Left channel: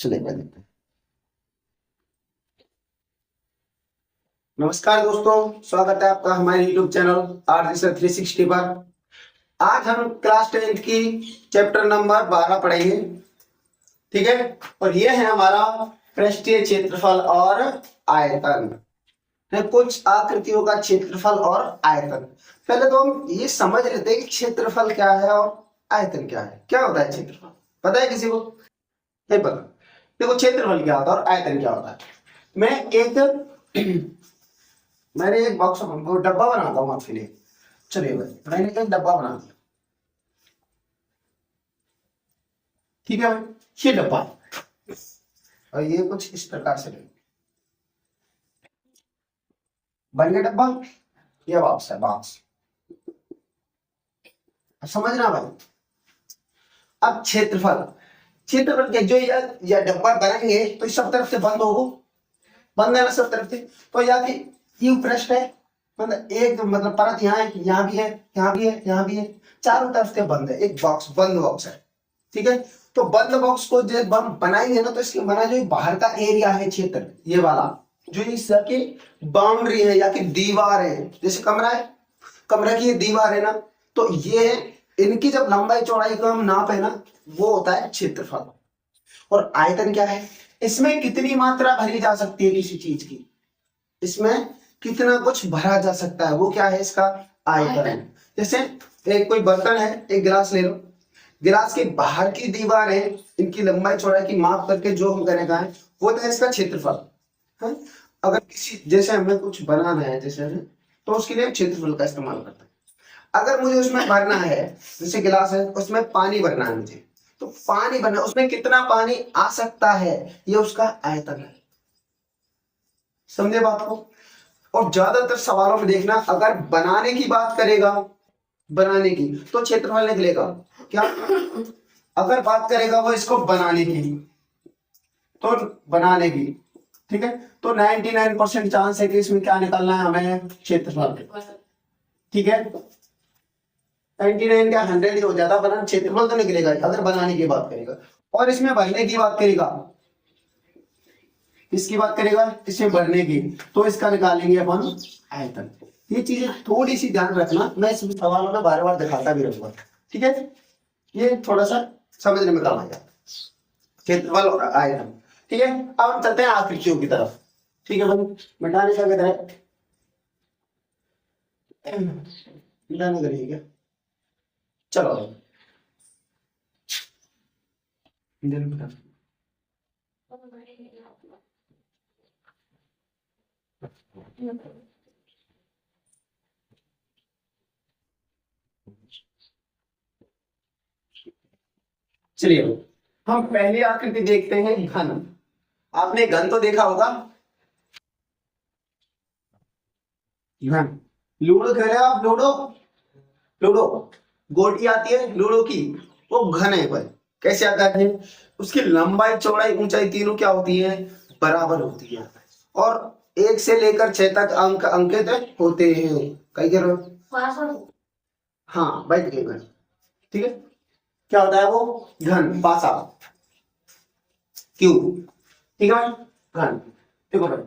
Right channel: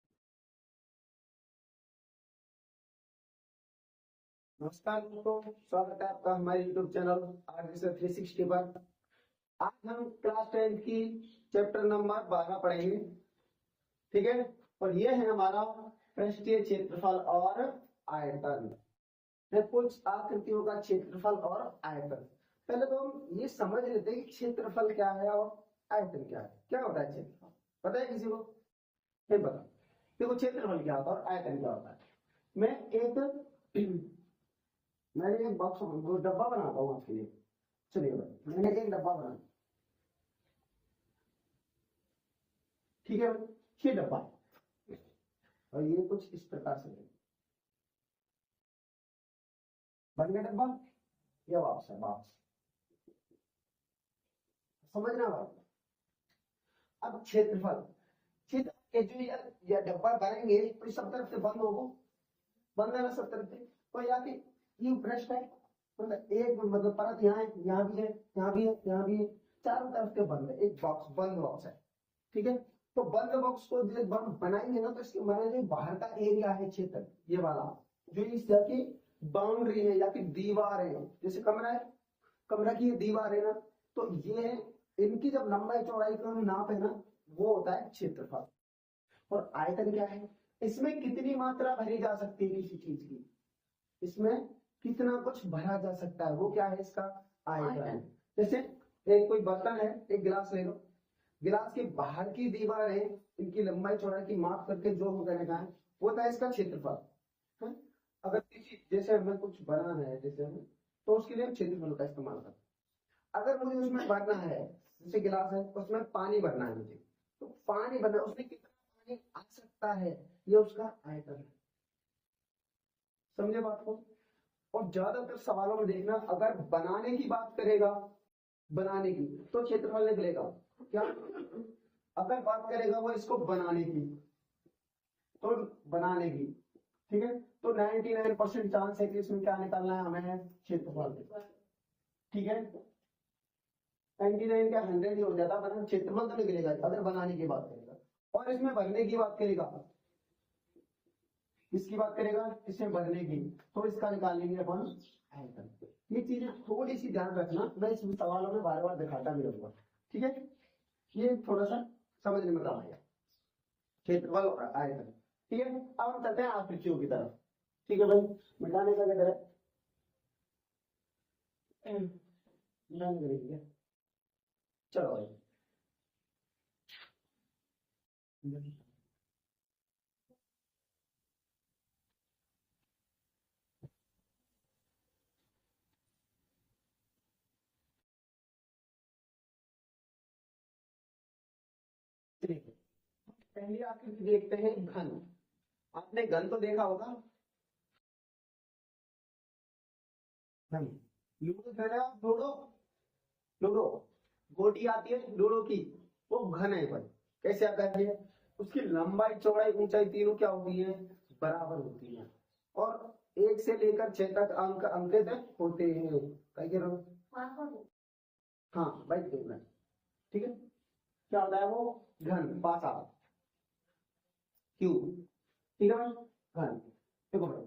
चलिए पहले नमस्कार दोस्तों, स्वागत है आपका हमारे YouTube चैनल आर्ट सर 360 पर। आज हम क्लास 10th की चैप्टर नंबर 12 पढ़ेंगे। ठीक है, और ये है हमारा पृष्ठीय क्षेत्रफल और आयतन। कुछ आकृतियों का क्षेत्रफल और आयतन। पहले तो हम ये समझ लेते हैं कि क्षेत्रफल क्या है और आयतन क्या है। क्या होता है क्षेत्रफल, पता है किसी को? नहीं पता। देखो, क्षेत्रफल क्या होता है और आयतन क्या होता है। मैंने एक बॉक्स डब्बा बनाता हूँ आपके लिए। चलिए भाई, मैंने एक डब्बा बना दिया। ठीक है भाई, ये डब्बा और ये कुछ इस प्रकार से बन गया डब्बा। ये बॉक्स है, बॉक्स। समझना भाई। अब क्षेत्रफल के जो या डब्बा बनाएंगे तो इस सब तरफ से बंद होगा, बंद है ना सब तरफ से। तो या कि यू पृष्ठ है, मतलब एक मतलब परत यहाँ है, यहाँ भी है, यहाँ भी है, यहाँ भी है, चारों तरफ से बंद है। एक बॉक्स, बंद बॉक्स है। ठीक है, तो बंद बॉक्स को जब हम बनाएंगे ना तो इसके बना जो बाहर का एरिया है, क्षेत्र, ये वाला जो इसकी बाउंड्री है या कि दीवार है, जैसे कमरा है, कमरे की ये दीवार है ना, तो ये इनकी जब लंबाई चौड़ाई को हम नापे ना, वो होता है क्षेत्रफल। और आयतन क्या है? इसमें कितनी मात्रा भरी जा सकती है किसी चीज की, इसमें कितना कुछ भरा जा सकता है, वो क्या है इसका आयतन। जैसे एक कोई बर्तन है, एक गिलास ले लो, गिलास के बाहर की दीवार है, इनकी लंबाई चौड़ाई की माप करके जो हम करने का है वो तो है इसका क्षेत्रफल है। अगर किसी जैसे हमें कुछ बनाना है जैसे, तो उसके लिए क्षेत्रफल का इस्तेमाल करते हैं। अगर मुझे उसमें भरना है, जैसे गिलास है उसमें पानी भरना है मुझे, तो पानी भरना, उसमें कितना पानी आ सकता है, ये उसका आयतन है। समझे बात को? और ज्यादातर सवालों में देखना, अगर बनाने की बात करेगा, बनाने की, तो क्षेत्रफल निकलेगा क्या? अगर बात करेगा वो इसको बनाने की, तो बनाने की, ठीक है, तो 99% चांस है कि इसमें क्या निकलना है हमें, क्षेत्रफल। ठीक है, 99 क्या 100 ही हो जाता, बना क्षेत्रफल तो निकलेगा अगर बनाने की बात करेगा। और इसमें भरने की बात करेगा, इसकी बात करेगा, इसमें भरने की, तो इसका निकालेंगे अपन आयतन। ये चीजें थोड़ी सी ध्यान रखना, मैं इस सवालों में बार बार दिखाता भी रहूंगा। ठीक है, ये थोड़ा सा समझने में काम आ जाता, क्षेत्रफल और आयतन। ठीक है, अब हम चलते हैं आकृतियों की तरफ। ठीक है भाई, मिटाने का कहता है, मिटाने करिए क्या? चलो चलिए, हम पहली आकृति देखते हैं, घन। आपने घन तो देखा होगा, घन। लूडो खेले आप? लूडो, लूडो गोटी आती है लूडो की, वो घन है भाई। कैसे आता है? उसकी लंबाई चौड़ाई ऊंचाई तीनों क्या होती है, बराबर होती है। और 1 से लेकर 6 तक अंक अंकित होते हैं। कई कह रहे हो? हाँ भाई, घन। ठीक है, क्या होता है वो? घन, पासा, क्यूब। ठीक है भाई, घन। देखो भाई,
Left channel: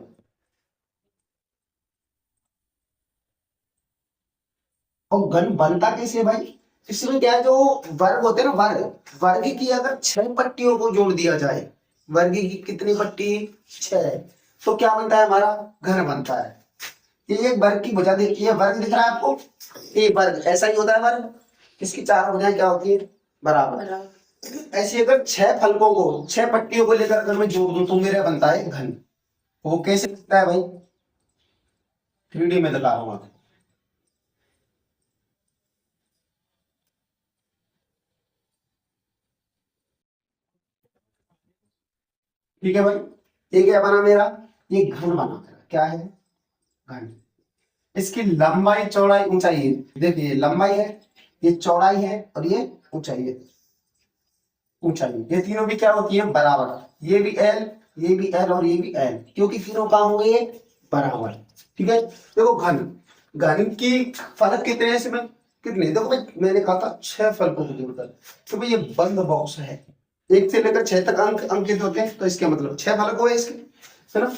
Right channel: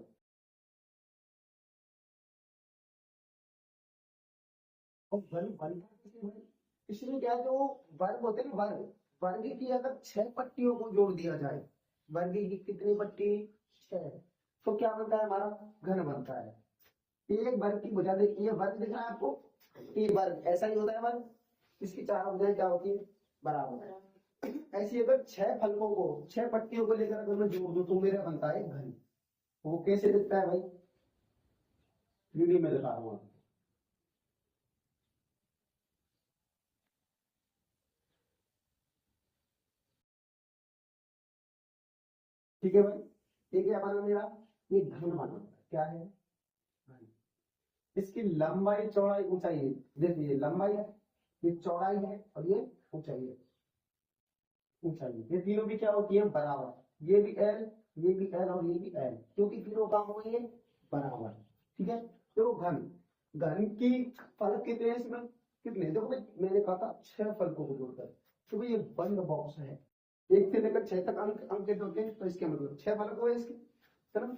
और घन बनता कैसे है भाई? इसमें क्या है, जो वर्ग होते हैं ना, वर्ग, वर्ग की अगर 6 पट्टियों को जोड़ दिया जाए, वर्ग की कितनी पट्टी? 6, तो क्या बनता है हमारा? घन बनता है। ये एक वर्ग की भुजा देखिए, वर्ग दिख रहा है आपको, ये वर्ग ऐसा ही होता है वर्ग। इसकी 4 भुजाएं क्या होती है? बराबर। ऐसे अगर 6 फलकों को, 6 पट्टियों को लेकर अगर मैं जोड़ दूं तो मेरा बनता है घन। वो कैसे दिखता है भाई? 3D में दिखा रहा हूं आपको। ठीक है भाई, ये क्या बना मेरा? ये घन बना मेरा। क्या है? घन। इसकी लंबाई चौड़ाई ऊंचाई है, देखिए लंबाई है, ये चौड़ाई है, और ये ऊंचाई है। ऊंचाई, ये तीनों भी क्या होती है? बराबर। ये भी एल, ये भी एल, और ये भी एल, क्योंकि तीनों काम हो गए बराबर। ठीक है, देखो घन, घन की फलक कितने हैं इसमें? कितने? देखो भाई, मैंने कहा था 6 फलकों को जोड़कर, तो भाई ये बंद बॉक्स है, 1 से लेकर 6 तक अंक अंकित होते हैं, तो इसके मतलब 6 फलक हुए इसके, है ना।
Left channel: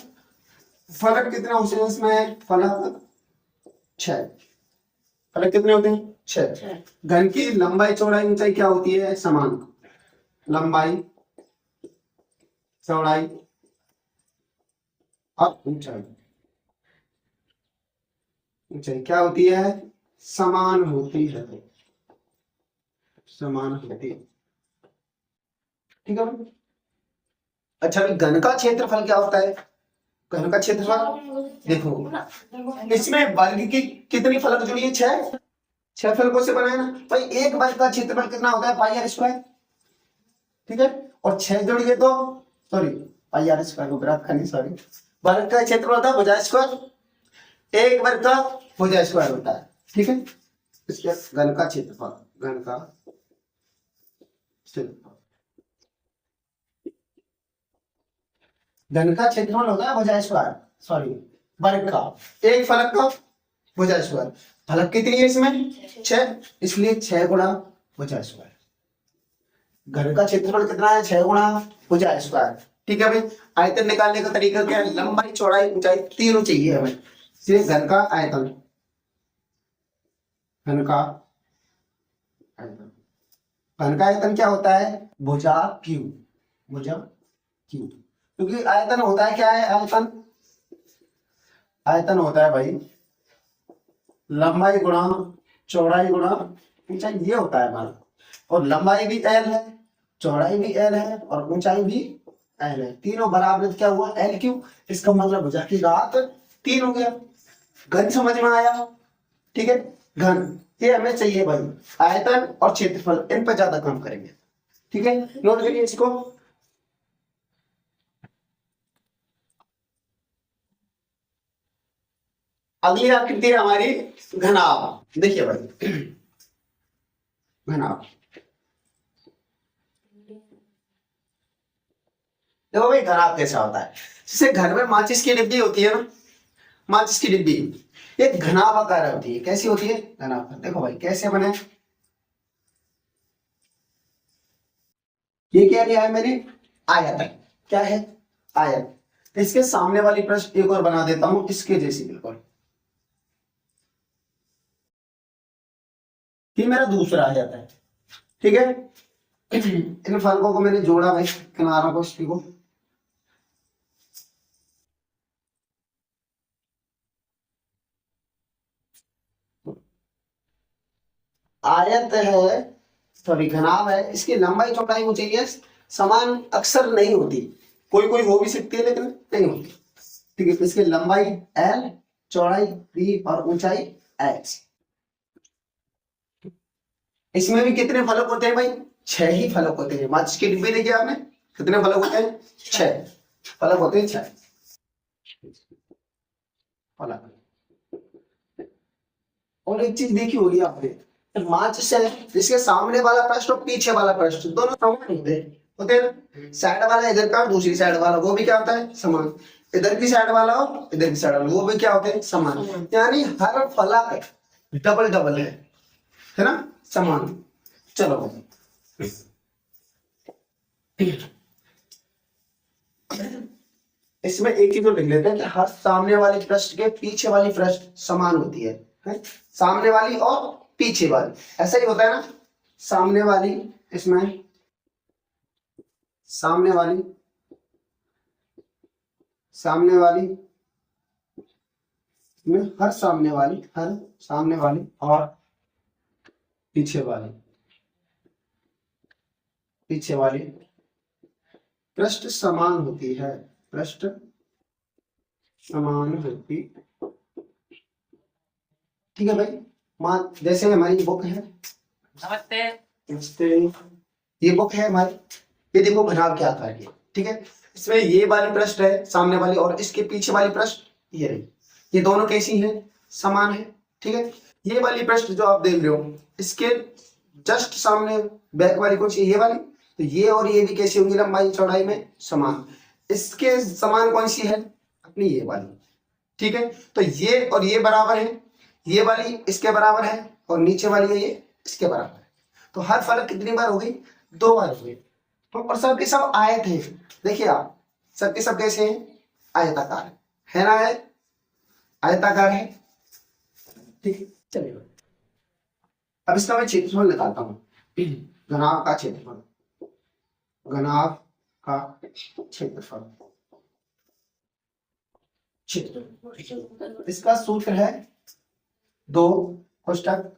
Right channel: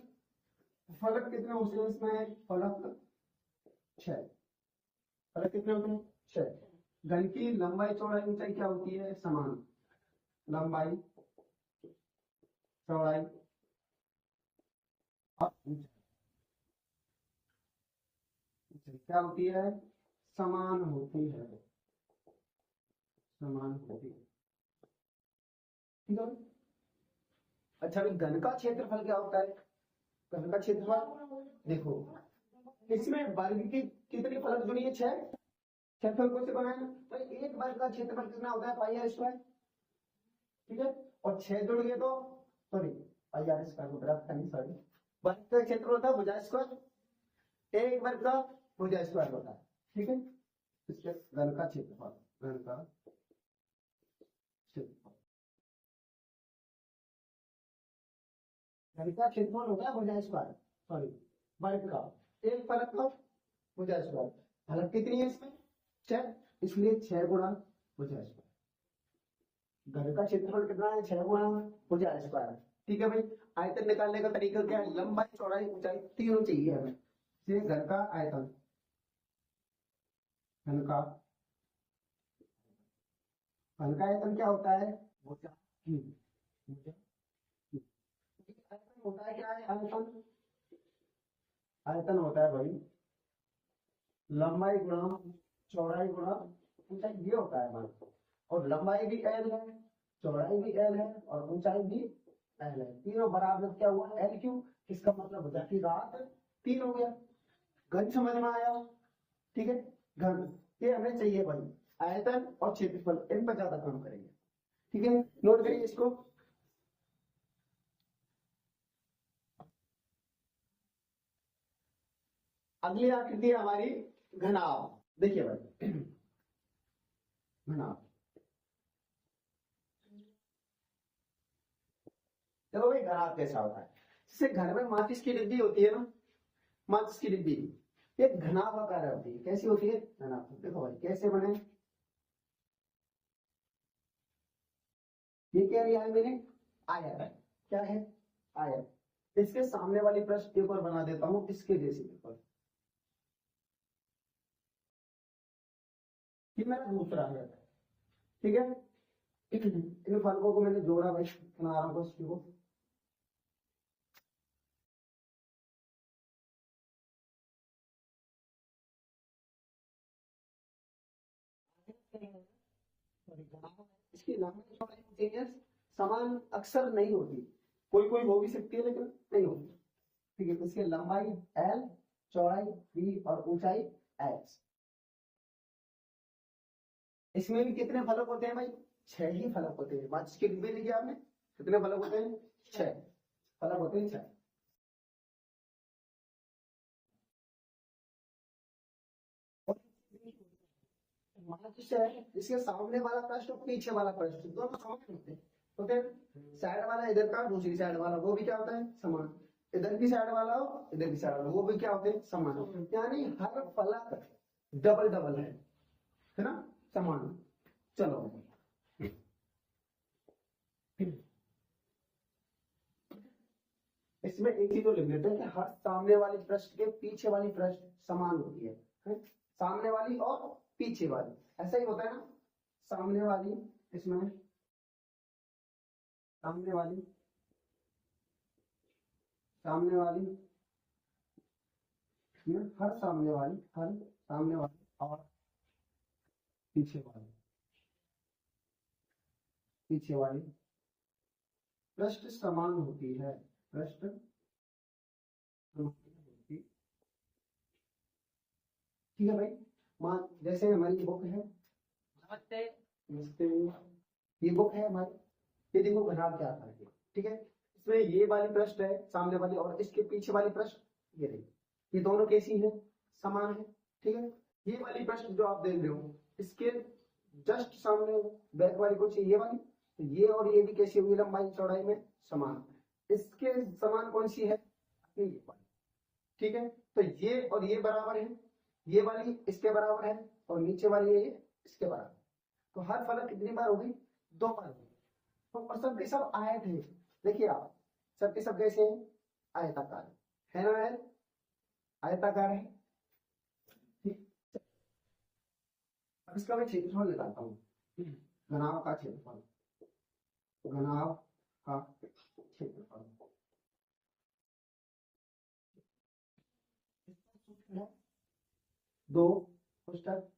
फलक कितने होते हैं इसमें, फलक 6, फलक कितने होते हैं 6। घन की लंबाई चौड़ाई ऊंचाई क्या होती है, समान। लंबाई चौड़ाई और ऊंचाई, ऊंचाई क्या होती है, समान होती है, समान होती है, ठीक है। अच्छा अभी घन का क्षेत्रफल क्या होता है, घन का क्षेत्रफल देखो, इसमें वर्ग की कितनी फलक जुड़ी है, 6, 6 फलकों से बना है ना भाई। एक वर्ग का क्षेत्रफल कितना होता है, पाई आर स्क्वायर, ठीक है। और 6 जुड़िए तो सॉरी पाई आर स्क्वायर को ग्राफ करनी, सॉरी, वर्ग का क्षेत्रफल होता है भुजा स्क्वायर, एक वर्ग का भुजा स्क्वायर होता है, ठीक है। इसके घन का क्षेत्रफल, घन का क्षेत्रफल, घन का क्षेत्रफल होता है भुजा स्क्वायर, सॉरी वर्ग का, एक फलक का भुजा स्क्वायर। फलक कितनी है इसमें 6, इसलिए 6 गुणा भुजा स्क्वायर। घन का क्षेत्रफल कितना है, 6 गुणा भुजा स्क्वायर, ठीक है भाई। आयतन निकालने का तरीका क्या है, लंबाई चौड़ाई ऊंचाई तीनों चाहिए हमें, इसलिए घन का आयतन, घन का आयतन, घन का आयतन क्या होता है, भुजा क्यू, भुजा क्यू। क्योंकि आयतन होता है क्या है, आयतन, आयतन होता है भाई लंबाई गुणा चौड़ाई गुणा ऊंचाई, ये होता है हमारा। और लंबाई भी एल है, चौड़ाई भी एल है और ऊंचाई भी एल है, तीनों बराबर क्या हुआ, एल क्यू। इसका मतलब भुजा की घात 3 हो गया। घन समझ में आया, ठीक है। घन ये हमें चाहिए भाई, आयतन और क्षेत्रफल इन पर ज्यादा काम करेंगे, ठीक है। नोट करिए इसको। अगली आकृति है हमारी घनाभ, देखिए भाई घनाभ, देखो भाई घनाभ कैसा होता है, जैसे घर में माचिस की डिब्बी होती है ना, माचिस की डिब्बी एक घनाभ आकार होती है, कैसी होती है, घनाभ। देखो भाई कैसे बने, ये क्या लिया है मैंने, आयत, क्या है, आयत। इसके सामने वाली प्रश्न एक और बना देता हूं इसके जैसी बिल्कुल, ये मेरा दूसरा आयत है, ठीक है। इन फलकों को मैंने जोड़ा भाई, किनारों को इसकी को, आयत है, सॉरी घनाभ है, इसकी लंबाई चौड़ाई हो चाहिए समान, अक्सर नहीं होती, कोई कोई हो भी सकती है लेकिन नहीं होती, ठीक है। इसकी लंबाई एल, चौड़ाई बी और ऊंचाई एक्स। इसमें भी कितने फलक होते हैं भाई, 6 ही फलक होते हैं। माचिस की डिब्बी देखिए आपने, कितने फलक होते हैं, 6 फलक होते हैं, 6 फलक। और एक चीज देखी होगी आपने, माचिस है, इसके सामने वाला पृष्ठ और पीछे वाला पृष्ठ दोनों समान होते हैं ना। साइड वाला इधर का और दूसरी साइड वाला वो भी क्या होता है, समान। इधर की साइड वाला और इधर की साइड वाला वो भी क्या होते हैं, समान। यानी हर फलक डबल डबल है ना, समान। चलो इसमें एक चीज और लिख लेते हैं कि हर सामने वाली पृष्ठ के पीछे वाली पृष्ठ समान होती है? सामने वाली और पीछे वाली, ऐसा ही होता है ना। सामने वाली, इसमें सामने वाली, सामने वाली में हर सामने वाली, हर सामने वाली और पीछे वाली, पीछे वाली पृष्ठ समान होती है, पृष्ठ समान होती, ठीक है भाई। मान जैसे हमारी बुक है, नमस्ते नमस्ते, ये बुक है हमारी, ये देखो घनाभ क्या आकार है, ठीक है। इसमें ये वाली पृष्ठ है सामने वाली और इसके पीछे वाली पृष्ठ ये रही, ये दोनों कैसी हैं, समान है, ठीक है। ये वाली पृष्ठ जो आप देख रहे हो इसके जस्ट सामने बैक वाली कौन सी, ये वाली, तो ये और ये भी कैसी होंगी, लंबाई चौड़ाई में समान। इसके समान कौन सी है, अपनी ये वाली, ठीक है। तो ये और ये बराबर है, ये वाली इसके बराबर है और नीचे वाली है ये इसके बराबर है। तो हर फलक कितनी बार हो गई, 2 बार हो गई। और सब के सब आयत है। देखिए आप सब के सब कैसे हैं, आयताकार है ना, है आयताकार है। ठीक है, चलिए अब इसका मैं क्षेत्रफल निकालता हूँ। घनाभ का क्षेत्रफल, घनाभ का क्षेत्रफल, क्षेत्र इसका सूत्र है 2 कोष्टक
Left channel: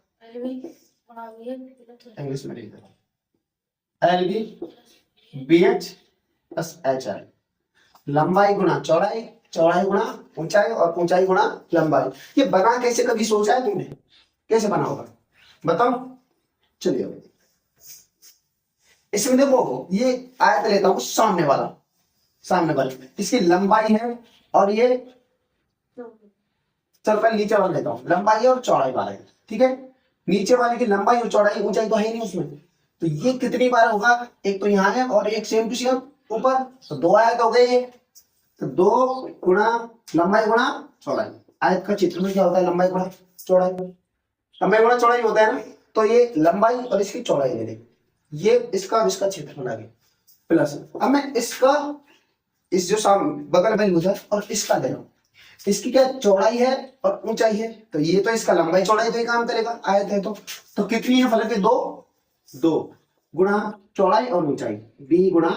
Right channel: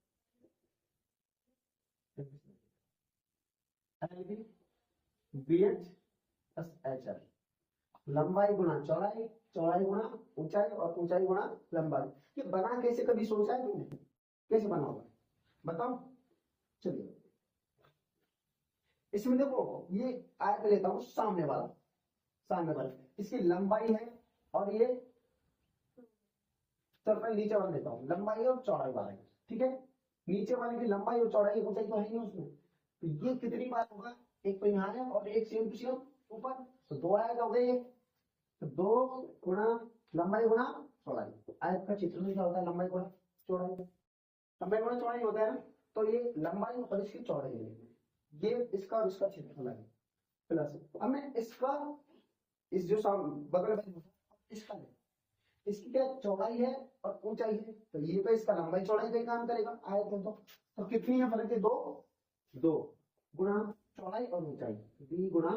इंग्लिश में लिख दो LB BH प्लस HI, लंबाई गुणा चौड़ाई, चौड़ाई गुणा ऊंचाई और ऊंचाई गुणा लंबाई। ये बना कैसे, कभी सोचा है तुमने कैसे बना होगा, बताओ। चलिए इसमें देखो ये आयत लेता हूं सामने वाला, सामने वाले इसकी लंबाई है और ये चल पहले नीचे वाला लेता हूँ, लंबाई और चौड़ाई वाला है। ठीक है, नीचे वाले की लंबाई और चौड़ाई, ऊंचाई तो है ही नहीं उसमें, तो ये कितनी बार होगा, एक तो यहाँ है और एक सेम टू सेम ऊपर, तो 2 आयत हो गए ये, तो 2 गुणा लंबाई गुणा चौड़ाई। आयत का क्षेत्रफल क्या होता है, लंबाई गुणा चौड़ाई, लंबाई गुणा चौड़ाई होता है ना, तो ये लंबाई और इसकी चौड़ाई ले लें, ये इसका और इसका क्षेत्रफल आ गया प्लस। अब मैं इसका इस जो सामने बगल में मुझे और इसका दे रहा हूँ, इसकी क्या चौड़ाई है और ऊंचाई है, तो ये तो इसका लंबाई चौड़ाई पे काम करेगा, आयत है तो कितनी है फलक है 2 गुणा चौड़ाई और ऊंचाई, b गुणा,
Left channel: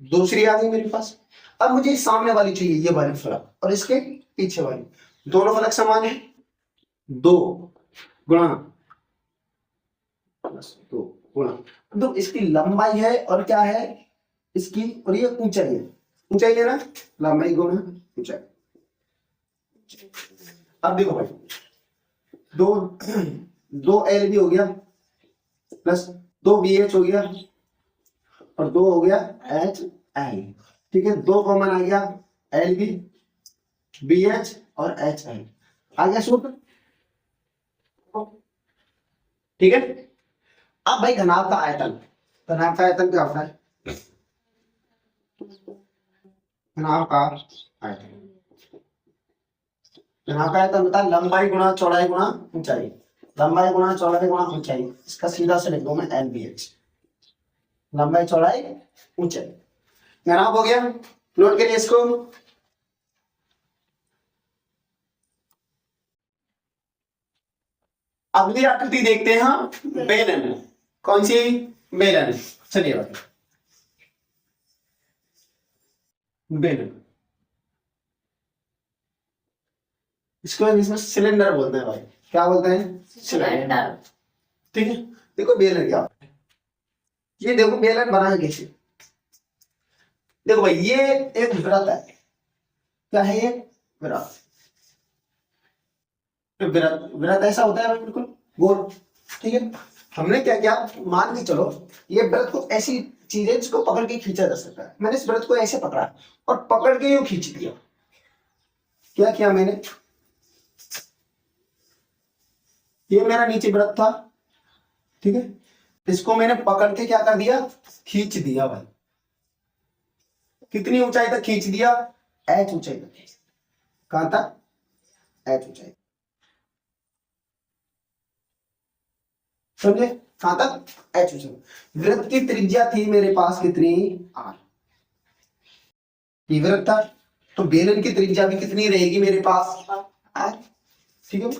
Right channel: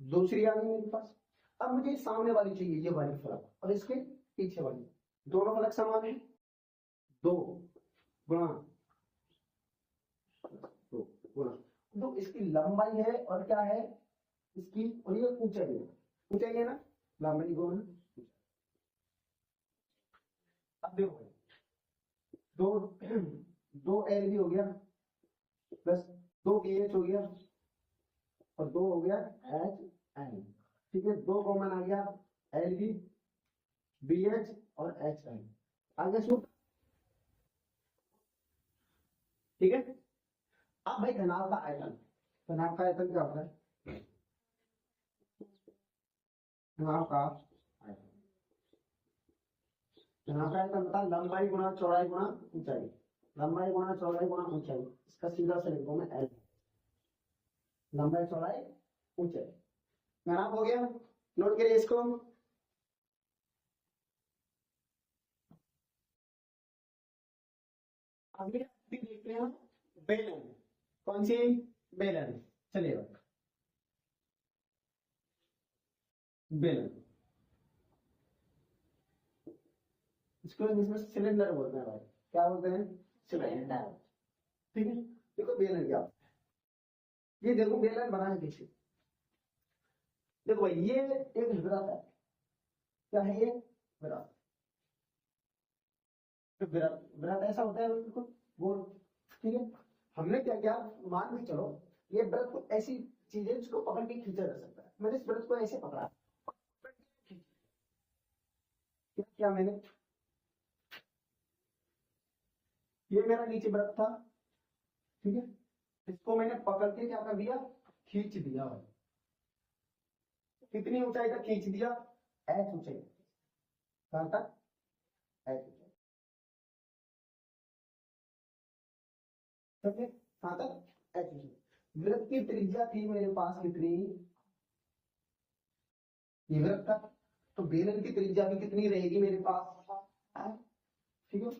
दूसरी आ गई मेरे पास। अब मुझे सामने वाली चाहिए, ये वाली फलक और इसके पीछे वाली, दोनों फलक समान है, 2 गुणा 2 गुणा, तो इसकी लंबाई है और क्या है इसकी, और ये ऊंचाई है, ऊंचाई है ना, लंबाई गुणा ऊंचाई। अब देखो भाई 2 LB हो गया प्लस 2 BH हो गया और 2 हो गया HI। ठीक है, 2 कॉमन आ गया, LB BH और HI आ गया सूत्र। ठीक है, अब भाई घनाभ का आयतन, घनाभ का आयतन क्या होता है, घनाभ का आयतन, घनाभ का आयतन होता है लंबाई गुणा चौड़ाई गुणा ऊंचाई, लंबाई गुणा चौड़ाई गुणा ऊंचाई, इसका सीधा से लिख दो मैं LBH, लंबाई चौड़ाई ऊंचाई। घनाभ हो गया, नोट करिए इसको। अगली आकृति देखते हैं हम, बेलन, कौन सी बेलन, चलिए बताइए बेलन, इसको इंग्लिश में सिलेंडर बोलते हैं भाई, क्या बोलते हैं, सिलेंडर। ठीक है, देखो बेलन क्या होता है, ये देखो बेलन बना है कैसे, देखो भाई ये एक वृत्त है, क्या है ये वृत्त, वृत्त वृत्त ऐसा होता है बिल्कुल गोल। ठीक है, हमने क्या किया, मान के चलो ये वृत्त को ऐसी चीज है जिसको पकड़ के खींचा जा सकता है, मैंने इस वृत्त को ऐसे पकड़ा और पकड़ के यूं खींच दिया, क्या किया मैंने, ये मेरा नीचे वृत्त था, ठीक है, इसको मैंने पकड़ के क्या कर दिया, खींच दिया भाई, कितनी ऊंचाई तक खींच दिया, H ऊंचाई तक, कहां तक, H ऊंचाई, समझे, कहां तक, H ऊंचाई। वृत्त की त्रिज्या थी मेरे पास कितनी, R, ये वृत्त था, तो बेलन की त्रिज्या भी कितनी रहेगी मेरे पास, R। ठीक है,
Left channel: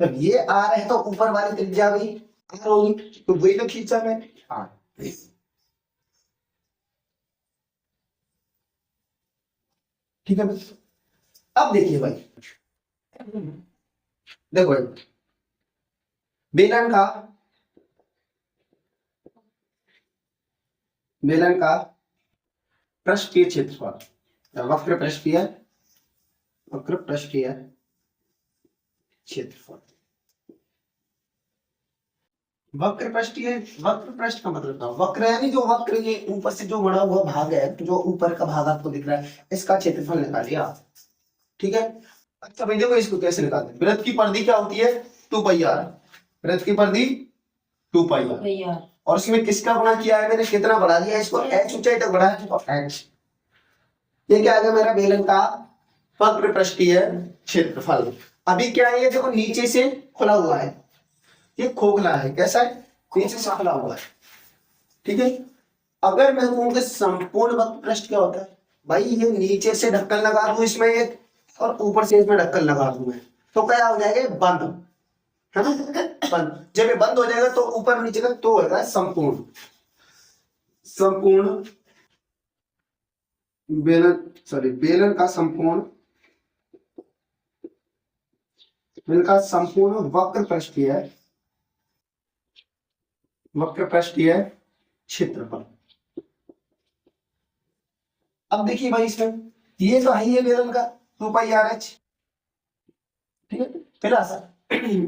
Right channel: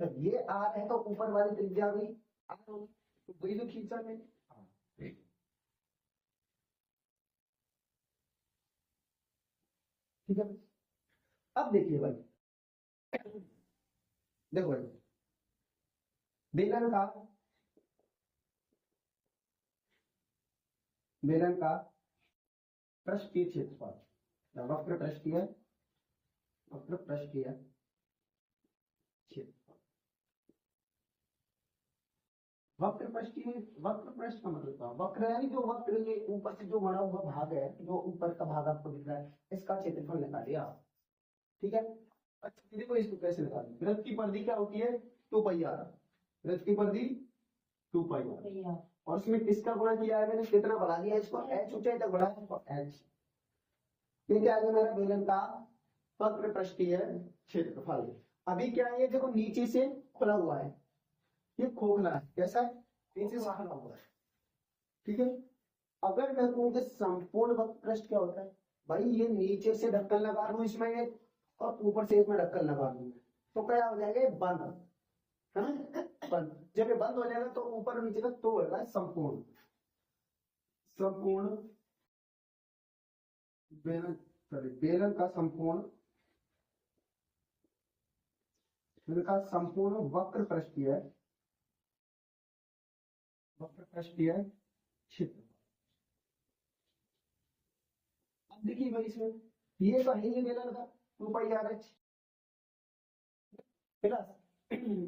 जब ये R है तो ऊपर वाली त्रिज्या भी R होगी, तो वही तो खींचा मैंने, R। ठीक है, अब देखिए भाई, देखो भाई बेलन का पृष्ठीय क्षेत्रफल, वक्र पृष्ठीय क्षेत्रफल, वक्र पृष्ठ का मतलब था, वक्र यानी जो वक्र, ये ऊपर से जो बड़ा हुआ भाग है, तो जो ऊपर का भाग आपको दिख रहा है, इसका क्षेत्रफल निकालिए आप। ठीक है, अच्छा भाई देखो इसको कैसे निकालते हैं, वृत्त की परिधि क्या होती है, 2πr, वृत्त की परिधि 2πr, और इसमें किसका गुणा किया है मैंने, कितना बढ़ा दिया इसको, H ऊंचाई तक बढ़ा है, तो H, ये क्या आ गया मेरा बेलन का वक्र पृष्ठीय क्षेत्रफल। अभी क्या है, ये देखो नीचे से खुला हुआ है, ये खोखला है, कैसा है, नीचे से खुला हुआ है, ठीक है। अगर मैं कहूँ संपूर्ण वक्र पृष्ठ क्या होता है, भाई ये नीचे से ढक्कन लगा दूं इसमें एक, और ऊपर से इसमें ढक्कन लगा दूं मैं, तो क्या हो जाएगा, बंद, है ना, बंद। जब ये बंद हो जाएगा तो ऊपर नीचे का तो होगा संपूर्ण। संपूर्ण बेलन का संपूर्ण, बेलन का संपूर्ण वक्र पृष्ठीय, वक्र पृष्ठीय क्षेत्रफल। अब देखिए भाई इसमें ये तो है, ये बेलन का 2πr/h, ठीक है। फिर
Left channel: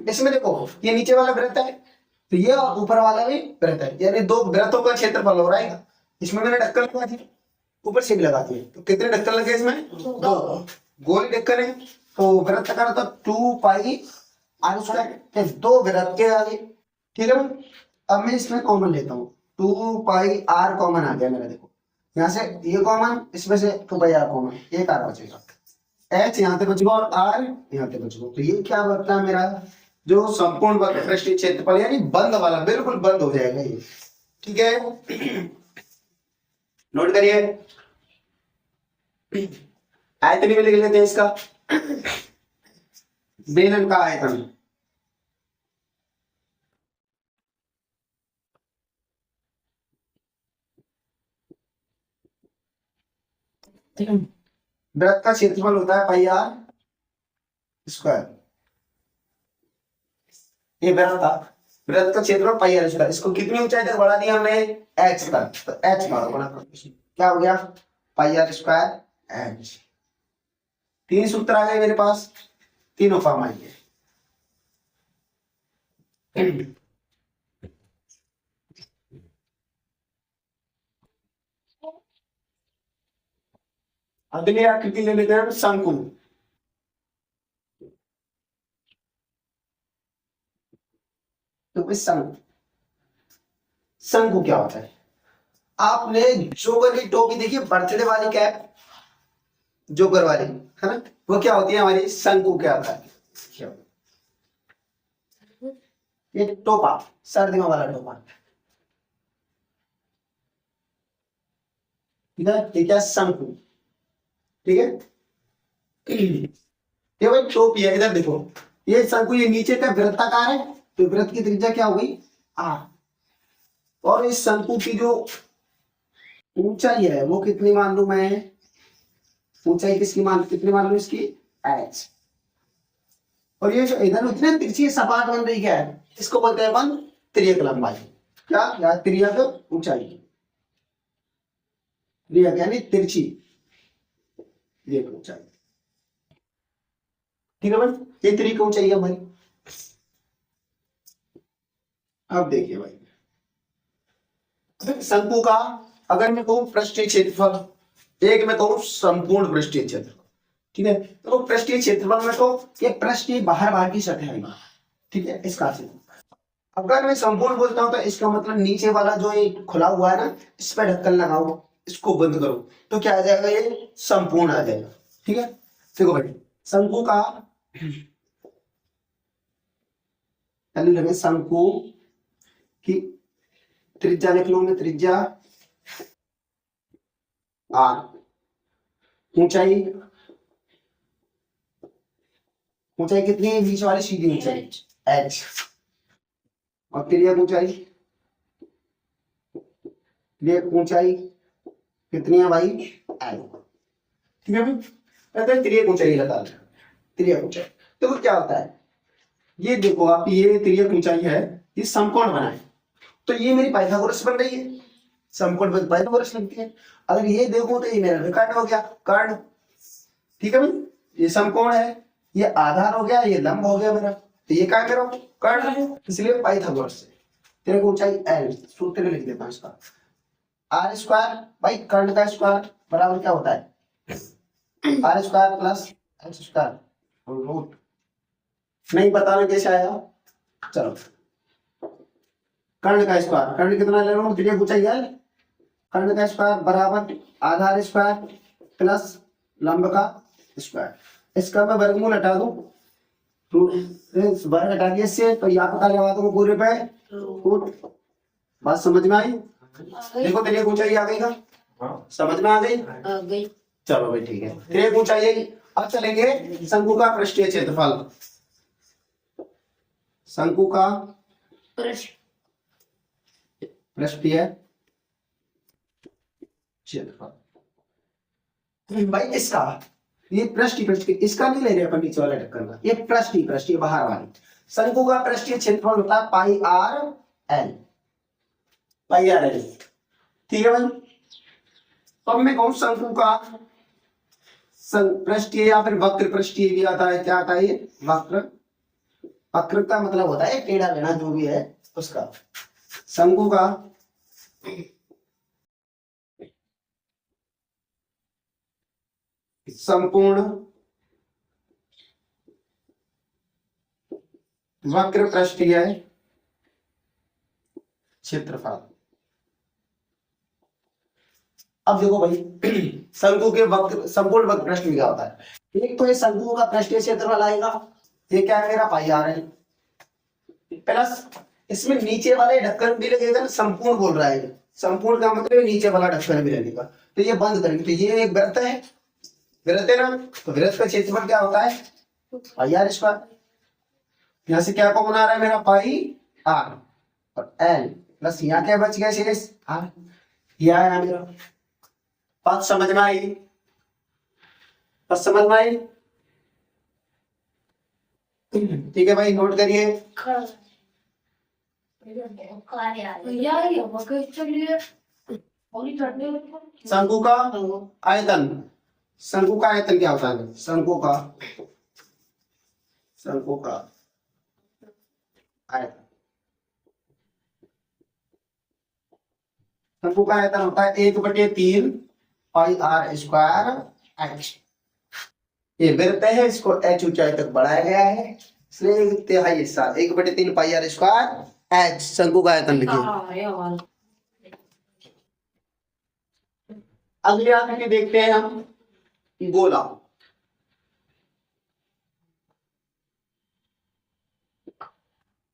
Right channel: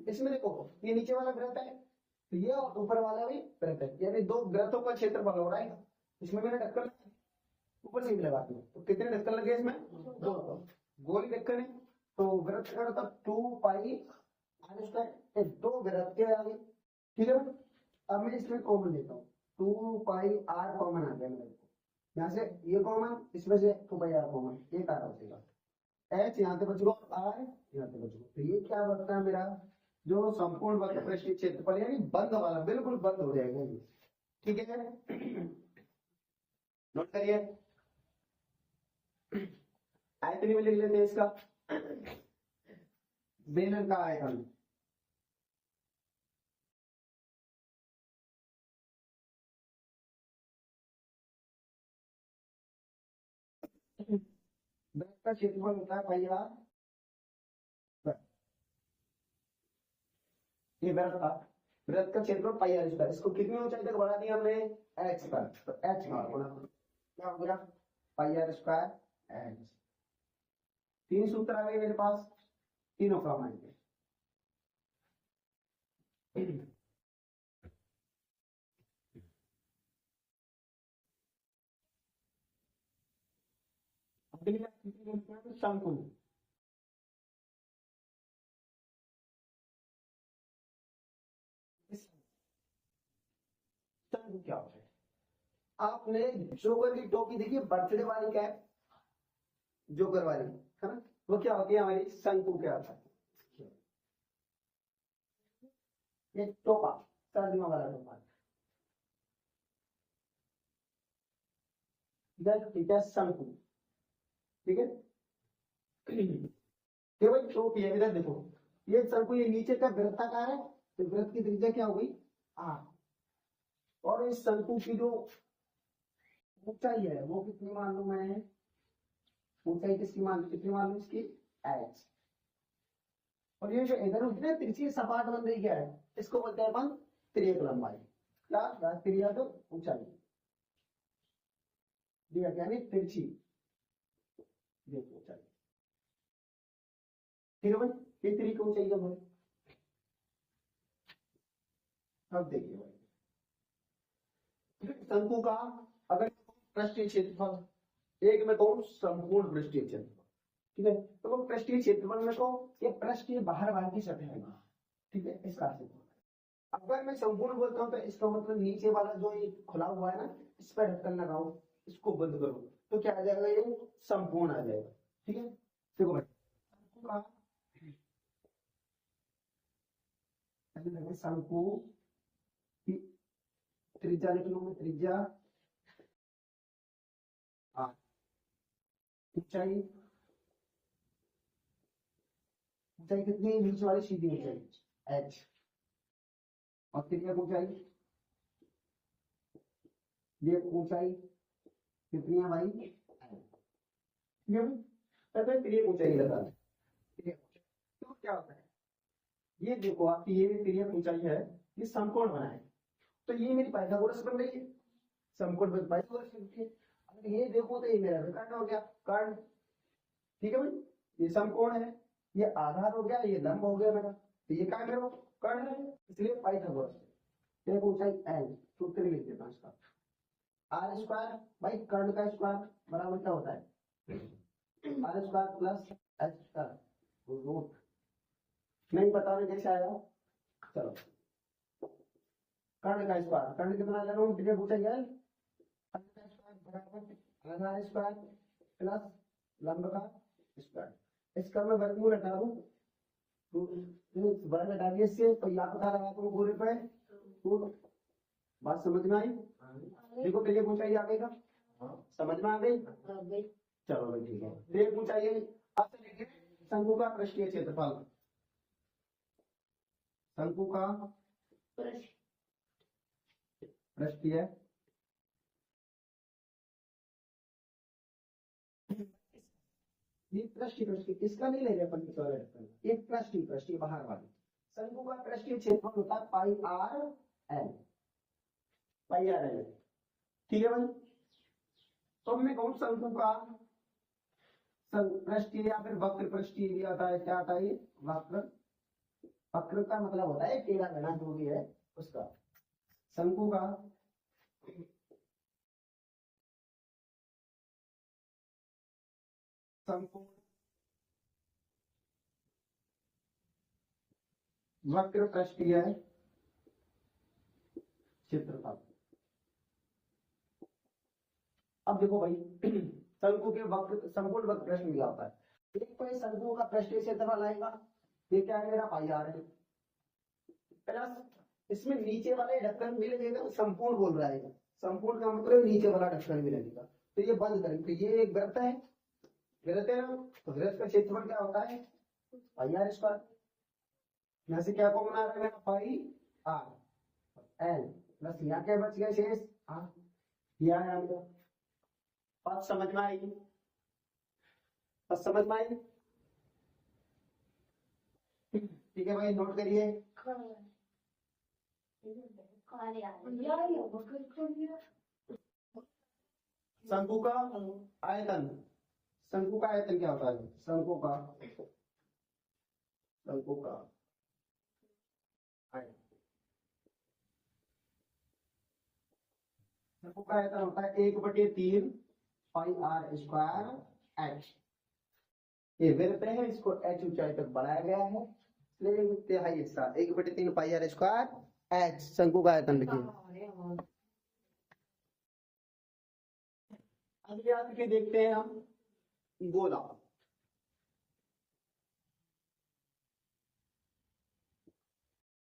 इसमें देखो ये नीचे वाला वृत्त है, तो ये ऊपर वाला भी वृत्त है, यानी दो वृत्तों का क्षेत्रफल हो रहा है। इसमें मैंने ढक्कन लगा दिया, ऊपर से भी लगा दिए, तो कितने ढक्कन लगे इसमें, दो। गोल ढक्कन है तो वृत्त का तो 2πr², दो वृत्त के आगे, ठीक है। अब मैं इसमें कॉमन लेता हूँ, 2πr कॉमन आ गया मेरा, देखो यहाँ से ये कॉमन, इसमें से 2πr कॉमन, एक r बचेगा, h यहाँ पे बचेगा और r यहाँ पे बचेगा। तो ये क्या बनता है मेरा, जो संपूर्ण वक्र पृष्ठीय क्षेत्रफल, यानी बंद वाला, बिल्कुल बंद हो जाएगा ये, ठीक है। नोट करिए, आयतन भी लिख लेते हैं इसका, बेलन का आयतन, वृत्त का क्षेत्रफल होता है πr²। ये वृत्त था, वृत्त का क्षेत्रफल πr², इसको कितनी ऊंचाई तक बढ़ा दिया हमने, h तक, तो h का गुणा क्या हो गया, πr²h। तीन सूत्र आ गए मेरे पास, तीनों फॉर्म आएंगे। अगली आकृति ले लेते हैं शंकु। तो शंकु, शंकु क्या होता है, आपने जोकर की टोपी देखी, बर्थडे वाली कैप, जोकर वाली, है ना, वो क्या होती है हमारी, शंकु क्या होता है, ये टोपा, सर्दियों वाला टोपा, ठीक है, ठीक है, शंकु, ठीक है। ये भाई टोपी है, इधर देखो, ये शंकु, ये नीचे का वृत्ताकार है, तो वृत्त की त्रिज्या क्या हो गई, r, और इस शंकु की जो ऊंचाई है वो कितनी मान लू मैं, ऊंचाई किसकी कितनी मान लू इसकी, h। और ये जो इधर उतने तिरछी सपाट बन रही क्या है, इसको बोलते हैं अपन तिर्यक लंबाई, क्या, या तिर्यक ऊंचाई, तिर्यक यानी तिरछी, तिर्यक ऊंचाई, ठीक है भाई, ये तिर्यक ऊंचाई है भाई। अब देखिए भाई, शंकु का अगर मैं कहूं पृष्ठीय क्षेत्रफल, एक मैं कहूं संपूर्ण पृष्ठीय क्षेत्रफल, ठीक है, तो पृष्ठीय क्षेत्रफल में तो ये पृष्ठीय बाहर की सतह है, ठीक है, इसका क्षेत्रफल। अगर मैं संपूर्ण बोलता हूं तो इसका मतलब नीचे वाला जो ये खुला हुआ है ना, इस पर ढक्कन लगाओ, इसको बंद करो, तो क्या आ जाएगा, ये संपूर्ण आ जाएगा, ठीक है। देखो भाई, शंकु का लगे, शंकु की त्रिज्या लिख लो मैं, त्रिज्या r, ऊंचाई, ऊंचाई कितनी है, बीच वाली सीधी ऊंचाई h, और तिर्यक ऊंचाई, तिर्यक ऊंचाई कितनी है भाई, l, ठीक है भाई, तिर्यक ऊंचाई लगा, तिर्यक ऊंचाई। तो क्या होता है, ये देखो आप, ये तिर्यक ऊंचाई है, ये समकोण बना है, तो ये मेरी पाइथागोरस बन रही है, समकोण पर पाइथागोरस लगती है। अगर ये देखो तो ये मेरा विकर्ण हो गया, कर्ण, ठीक है भाई, ये समकोण है, ये आधार हो गया, ये लंब हो गया मेरा, तो ये क्या मेरा कर्ण है, इसलिए पाइथागोरस से तेरे को ऊंचाई l, सूत्र लिख देता हूं इसका, r², भाई कर्ण का स्क्वायर बराबर क्या होता है, r² प्लस l², रूट, नहीं बताना कैसे आया, चलो, कर्ण का स्क्वायर, कर्ण कितना ले रहा हूं, त्रिज्या ऊंचाई है, कर्ण का स्क्वायर बराबर आधार स्क्वायर प्लस लंब का स्क्वायर, इसका मैं वर्गमूल हटा दूं, वर्ग हटा दिया इससे, तो यहाँ पता लगा दूंगा पूरे पे, बात समझ में आई, देखो तेरे ऊंचाई आ गई ना, समझ में आ गई। चलो भाई ठीक है, तेरे ऊंचाई आई। अब चलेंगे शंकु का पृष्ठीय क्षेत्रफल। शंकु का पृष्ठीय क्षेत्रफल भाई इसका, ये पृष्ठ इसका नहीं ले रहे अपन नीचे वाला ढक्कन का, ये पृष्ठ बाहर वाली। शंकु का पृष्ठीय क्षेत्रफल होता है पाई आर एल, पाई आर एल। ठीक है भाई। अब मैं कहूं शंकु का पृष्ठीय या फिर वक्र पृष्ठीय भी आता है। क्या आता है ये? वक्र। वक्र का मतलब होता है टेढ़ा लेना जो भी है उसका। शंकु का संपूर्ण वक्र पृष्ठीय क्षेत्रफल। अब देखो भाई शंकु के वक्र संपूर्ण वक्र पृष्ठ क्या होता है? एक तो ये शंकु का पृष्ठीय क्षेत्रफल आएगा, ये क्या है मेरा पाई आर है, प्लस इसमें नीचे वाले ढक्कन भी लगेगा। संपूर्ण बोल रहा है, संपूर्ण का मतलब नीचे वाला ढक्कन भी लगेगा। तो ये बंद करेंगे, तो ये एक वृत्त है, वृत्त है ना, तो वृत्त का क्षेत्रफल क्या होता है? पाई आर स्क्वायर। यहाँ से क्या कॉमन आ रहा है मेरा? पाई आर और एल, प्लस यहाँ क्या बच गया? शेष आर। ये आया मेरा। बात समझ में आई? बात समझ में आई? ठीक है भाई, नोट करिए। शंकु का आयतन, शंकु का आयतन क्या होता है? शंकु का आयतन, शंकु का आयतन होता है 1/3 पाई आर स्क्वायर एच। ये वृत्त है, इसको एच ऊंचाई तक बढ़ाया गया है, इसलिए तिहाई हिस्सा 1/3 पाई आर स्क्वायर एच शंकु का आयतन लिखिए। अगली आकृति देखते हैं हम, गोला।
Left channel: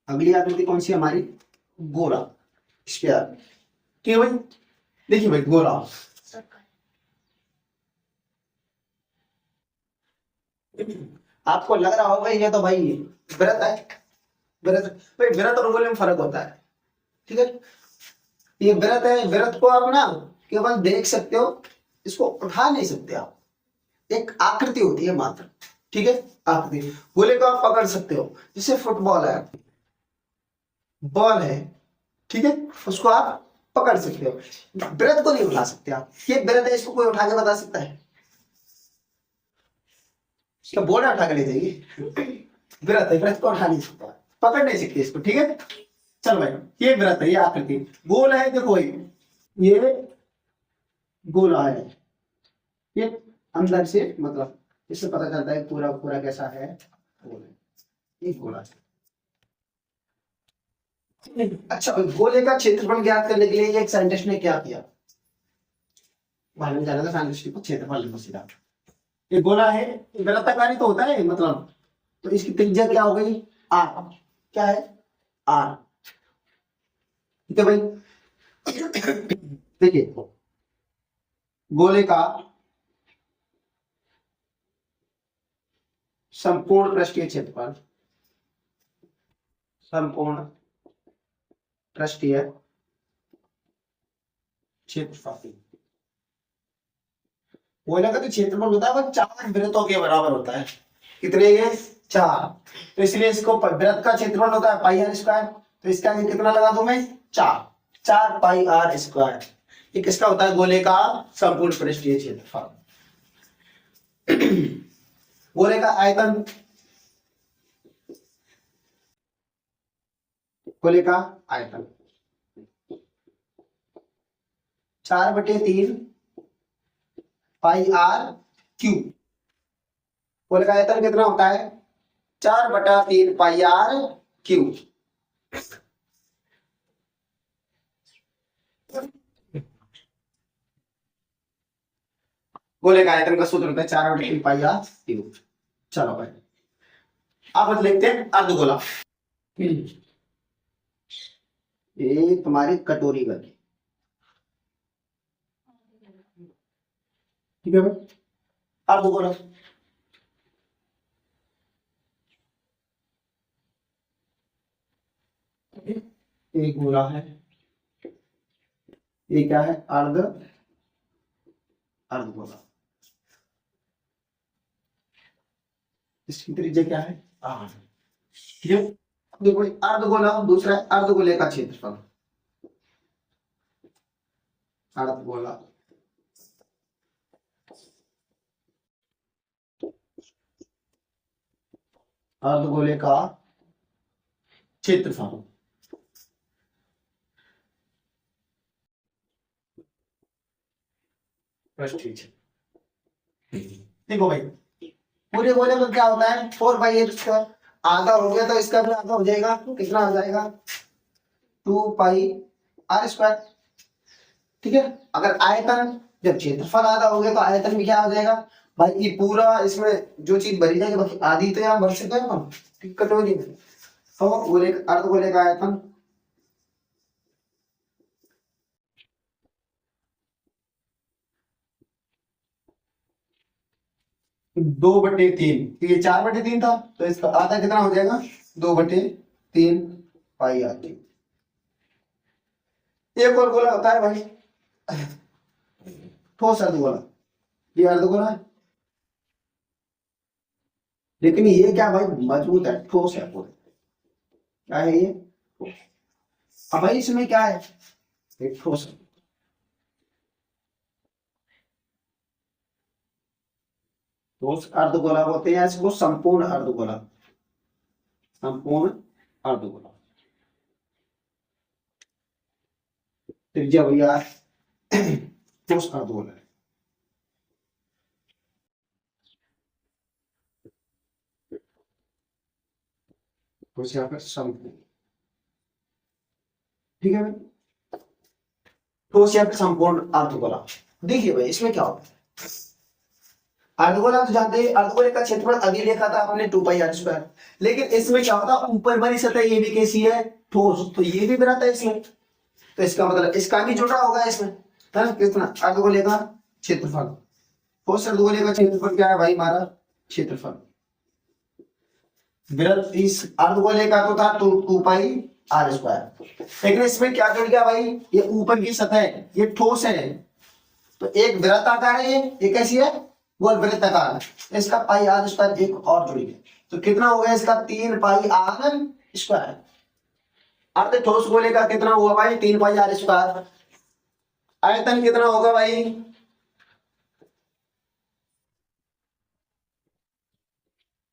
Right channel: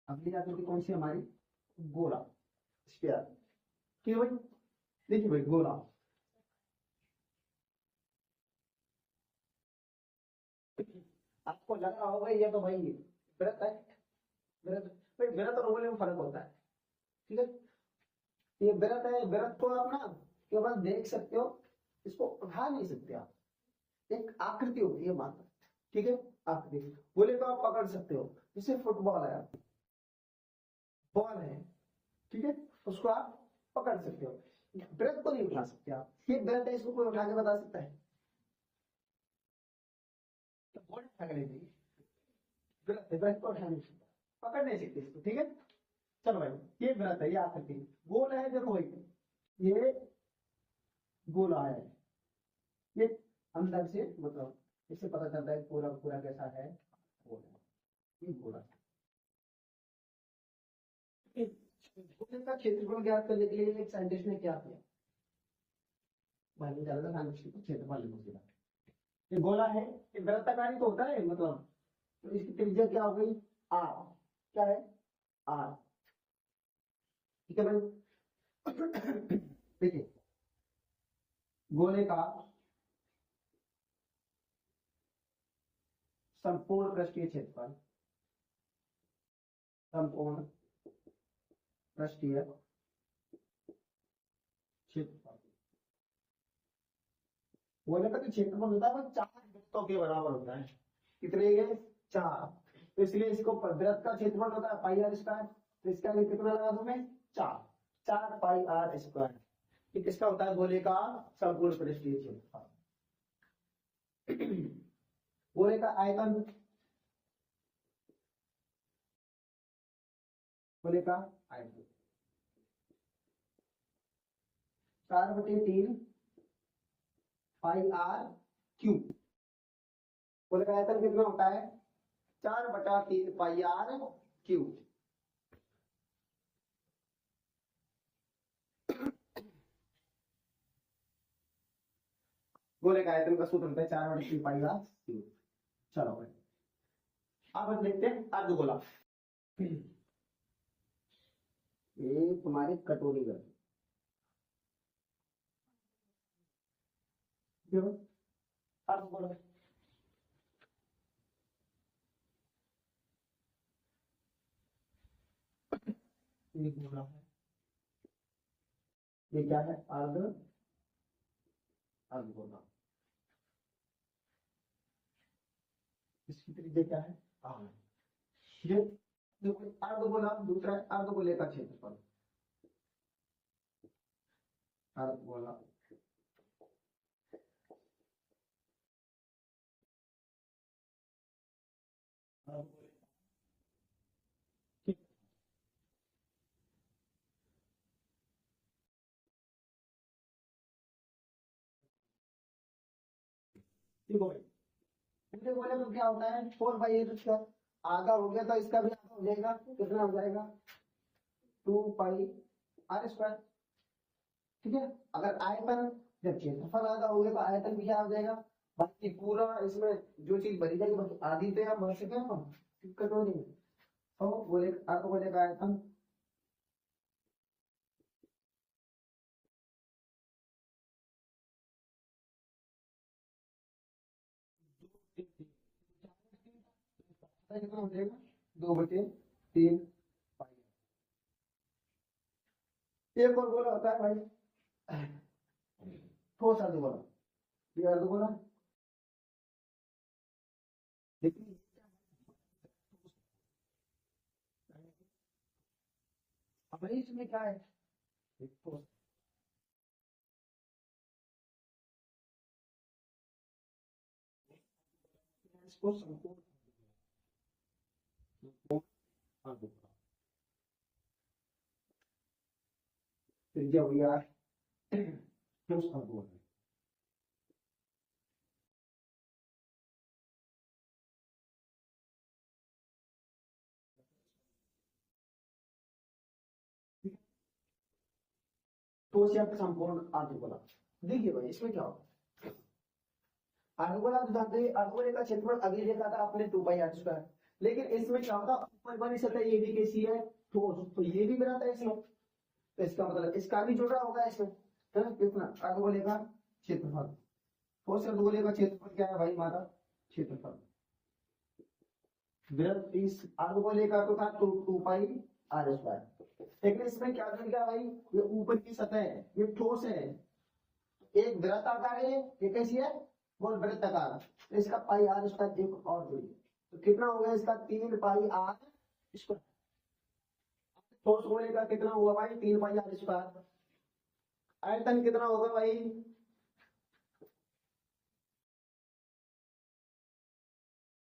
अगली आकृति कौन सी हमारी? गोला, स्फीयर। ठीक है भाई, देखिए भाई गोला। आपको लग रहा होगा ये तो भाई वृत्त है, वृत्त भाई, वृत्त और गोले में फर्क होता है। ठीक है, ये वृत्त है, वृत्त को आप ना केवल देख सकते हो, इसको उठा नहीं सकते आप, एक आकृति होती है मात्र। ठीक है, आकृति। गोले को आप पकड़ सकते हो, जैसे फुटबॉल है, बॉल है, ठीक है, उसको आप पकड़ सकते हो। वृत्त को नहीं उठा सकते आप। ये वृत्त है, इसको कोई उठा के बता सकता है? इसका बोर्ड उठा के ले जाएगी। वृत्त है, वृत्त को उठा नहीं सकता, पकड़ नहीं सकते इसको। ठीक है, चल भाई, ये वृत्त है, ये आकृति। गोल है, देखो ये गोला है, ये अंदर से मतलब इससे पता चलता है पूरा पूरा कैसा है, ये गोला है। अच्छा, गोले का क्षेत्रफल ज्ञात करने के लिए एक साइंटिस्ट ने क्या किया? मालूम जाना था साइंटिस्ट को, क्षेत्रफल लिखो सीधा। ये गोला है, वृत्ताकार तो होता है मतलब, तो इसकी त्रिज्या क्या हो गई? आर। क्या है? आर। ठीक है भाई। देखिए, गोले का संपूर्ण पृष्ठीय क्षेत्रफल, संपूर्ण पृष्ठीय क्षेत्रफल, गोले का तो क्षेत्रफल होता है वो 4 वृत्तों के बराबर होता है। कितने? ये 4। तो इसलिए इसको वृत्त का क्षेत्रफल होता है पाई आर स्क्वायर, तो इसका कितना लगा दूं मैं? 4 पाई आर स्क्वायर। ये किसका होता है? गोले का संपूर्ण पृष्ठीय क्षेत्रफल। गोले का आयतन, गोले का आयतन 4/3 पाई आर क्यू। गोले का आयतन कितना होता है? 4/3 पाई आर क्यू। गोले का आयतन का सूत्र होता है 4/3 पाई आर क्यू। चलो भाई, अब लिखते हैं अर्धगोला। ये तुम्हारी कटोरी बनी, ठीक है भाई, अर्धगोला एक गोला है, ये क्या है, अर्धगोला। इसकी त्रिज्या क्या है, आर। ये देखो अर्धगोला, दूसरा अर्धगोले का क्षेत्रफल, अर्धगोला अर्धगोले का क्षेत्रफल। ठीक है, देखो भाई पूरे गोले में क्या होता है, 4 पाई, आधा हो गया तो इसका भी आधा हो जाएगा, कितना आ जाएगा, 2 पाई r²। ठीक है, अगर आयतन, जब क्षेत्रफल आधा हो गया तो आयतन भी क्या हो जाएगा भाई, ये पूरा इसमें जो चीज भरी जाएगी बाकी आधी तो यहाँ भर सकते हैं हम, ठीक, कटोरी में। तो गोले, अर्धगोले का आयतन 2/3, ये 4/3 था तो इसका आधा कितना हो जाएगा, 2/3 पाई r²। एक और गोला होता है भाई ठोस अर्धगोला, ये अर्धगोला है लेकिन ये क्या भाई, मजबूत है, ठोस है पूरा, क्या है ये, अब भाई इसमें क्या है, एक ठोस है। ठोस अर्धगोला बोलते हैं इसको, संपूर्ण अर्धगोला, संपूर्ण अर्धगोला। त्रिज्या भैया ठोस अर्धगोला है। ठोस यहाँ पर संपूर्ण, ठीक है भाई, ठोस यहाँ पे संपूर्ण अर्धगोला। देखिए भाई इसमें क्या होता है, अर्धगोला तो जानते हैं, अर्धगोले का क्षेत्रफल अभी देखा था हमने 2 पाई r², लेकिन इसमें क्या होता है, ऊपर वाली सतह ये भी कैसी है, ठोस, तो ये भी बनाता है इसमें, तो इसका मतलब इसका भी जुड़ा होगा इसमें, है ना, कितना, अर्धगोले का क्षेत्रफल। ठोस अर्धगोले का क्षेत्रफल क्या है भाई, हमारा क्षेत्रफल। वृत्त इस अर्धगोले का तो था 2 पाई r², लेकिन इसमें क्या जुड़ गया भाई, ये ऊपर की सतह है, ये ठोस है, तो एक वृत्त आकार है, ये कैसी है, गोल वृत्ताकार, इसका पाई r² एक और जुड़ गया, तो कितना हो गया इसका, 3 पाई r²। अर्ध ठोस गोले का कितना हुआ भाई, 3 पाई r²। आयतन कितना होगा भाई,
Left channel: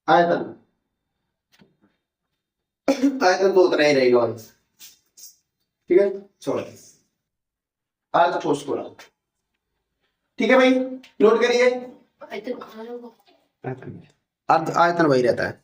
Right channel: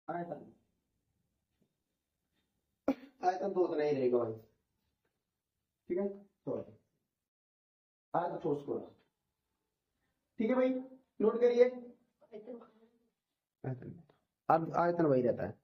आयतन आयतन तो उतना ही रहेगा भाई, ठीक है, छोड़, अर्ध ठोस गोला, ठीक है भाई, नोट करिए, अर्ध आयतन वही रहता है।